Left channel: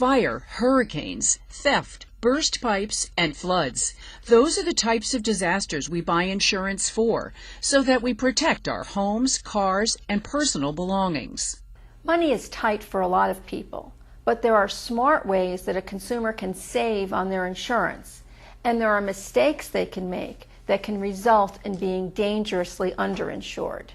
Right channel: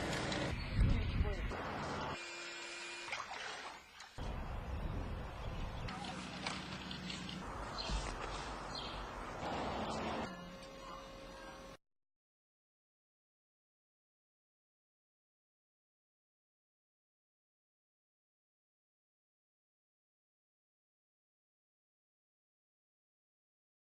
fire, hurricanes, theft, burst pipes, and floods. Those are the types of disasters we buy insurance for, so that we protect our homes, cars, and personal belongings. Money is tight for a lot of people, but there are smart ways that a consumer can save on their insurance, and there are mistakes they can make that can result in being dangerously underinsured.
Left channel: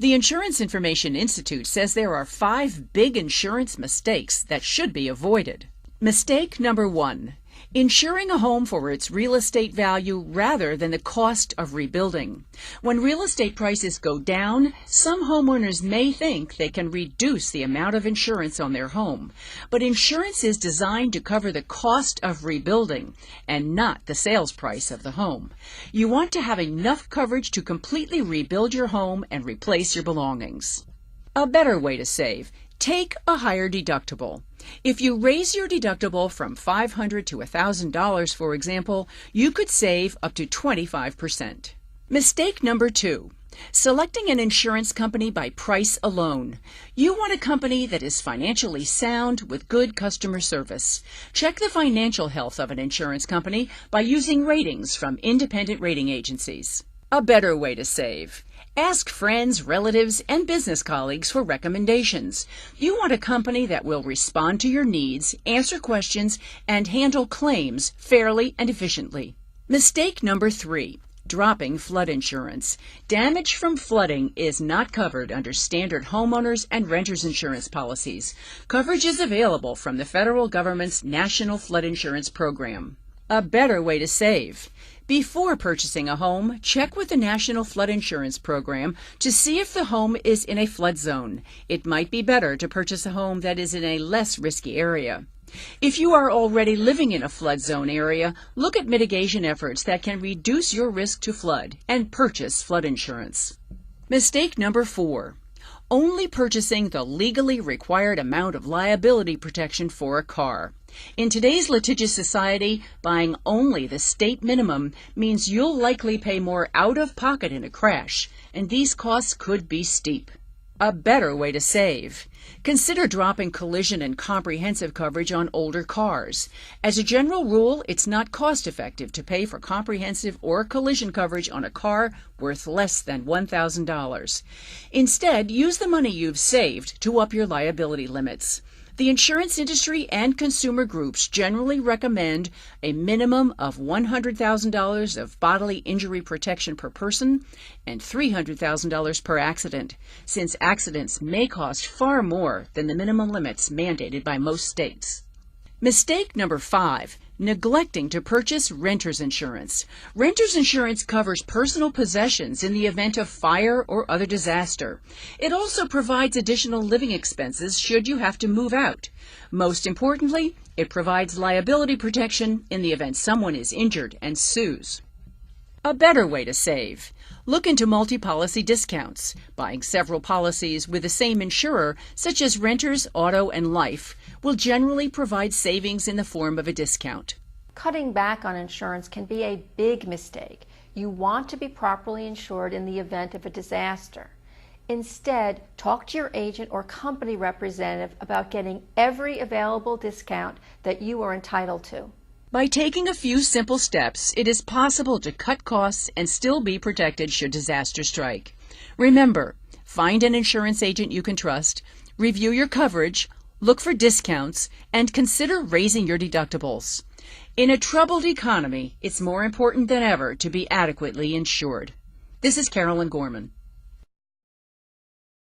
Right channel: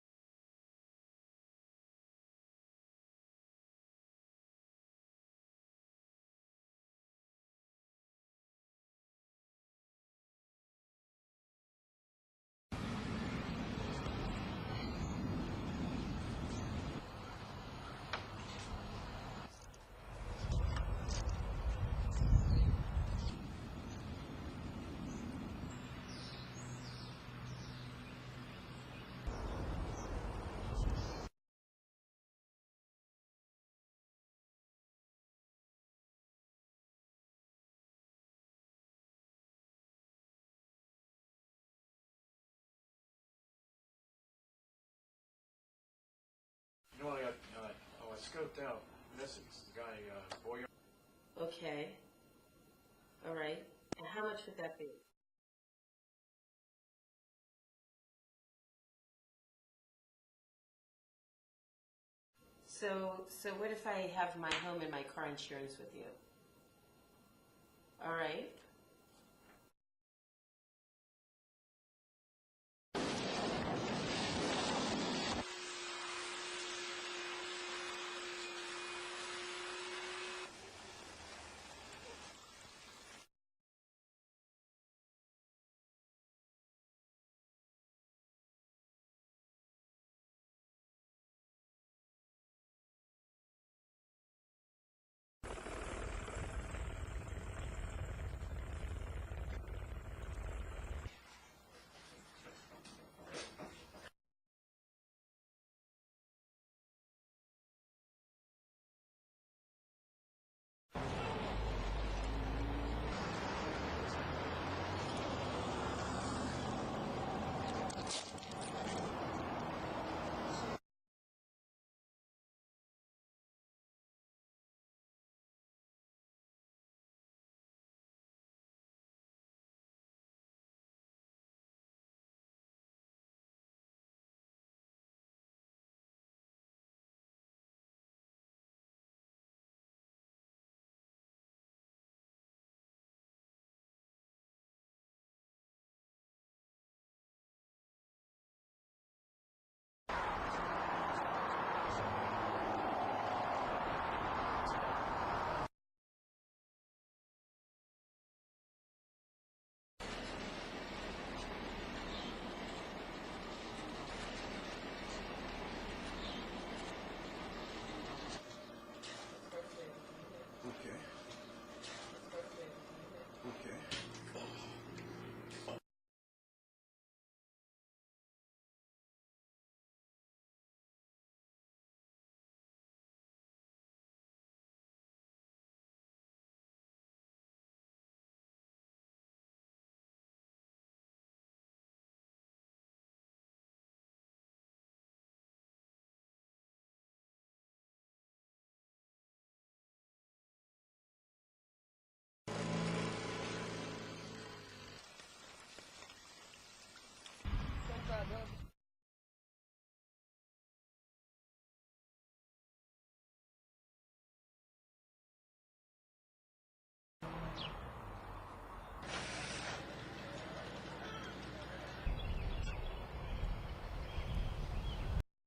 The Insurance Information Institute says there are 5 big insurance mistakes that should be avoided. Mistake number 1. Insuring a home for its real estate value rather than the cost of rebuilding. When real estate prices go down, some homeowners may think they can reduce the amount of insurance on their home. But insurance is designed to cover the cost of rebuilding and not the sales price of the home. You want to have enough coverage to completely rebuild your home and replace your belongings. A better way to save. Take a higher deductible. If you raise your deductible from $500 to $1,000, for example, you could save up to 25%. Mistake number 2. Selecting an insurance company by price alone. You want a company that is financially sound with good customer service. Check the financial health of an insurance company by using ratings from independent rating agencies. A better way to save. Ask friends, relatives, and business colleagues for recommendations. You want a company that will respond to your needs, answer questions, and handle claims fairly and efficiently. Mistake number 3. Dropping flood insurance. Damage from flooding is not covered under standard homeowners and renters insurance policies. Coverage is available from the federal government's National Flood Insurance Program. A better way to save. Before purchasing a home, check with the National Flood Insurance Program to see if the home is in a flood zone. It might be better to purchase a home that is in a less risky area. If you are already living in a flood zone area, look at mitigation efforts that can reduce your risk to flood and purchase flood insurance. Mistake number 4. Only purchasing the legally required amount of liability protection for a car. In today's litigious society, buying only the state minimum means you'll likely pay more out of pocket in a crash, and these costs could be steep. A better way to save. Consider dropping collision and comprehensive coverage on older cars. As a general rule, it's not cost-effective to pay for comprehensive or collision coverage on a car worth less than $1,000. Instead, use the money you've saved to up your liability limits. The insurance industry and consumer groups generally recommend a minimum of $100,000 of bodily injury protection per person and $300,000 per accident, since accidents may cost far more than the minimum limits mandated by most states. Mistake number 5. Neglecting to purchase renter's insurance. Renter's insurance covers personal possessions in the event of fire or other disaster. It also provides additional living expenses should you have to move out. Most importantly, it provides liability protection in the event someone is injured and sues. A better way to save. Look into multi-policy discounts. Buying several policies with the same insurer, such as renters, auto, and life, will generally provide savings in the form of a discount. Cutting back on insurance can be a big mistake. You want to be properly insured in the event of a disaster. Instead, talk to your agent or company representative about getting every available discount that you are entitled to. By taking a few simple steps, it is possible to cut costs and still be protected should disaster strike. Remember, find an insurance agent you can trust, review your coverage, look for discounts, and consider raising your deductibles. In a troubled economy, it's more important than ever to be adequately insured. This is Carolyn Gorman.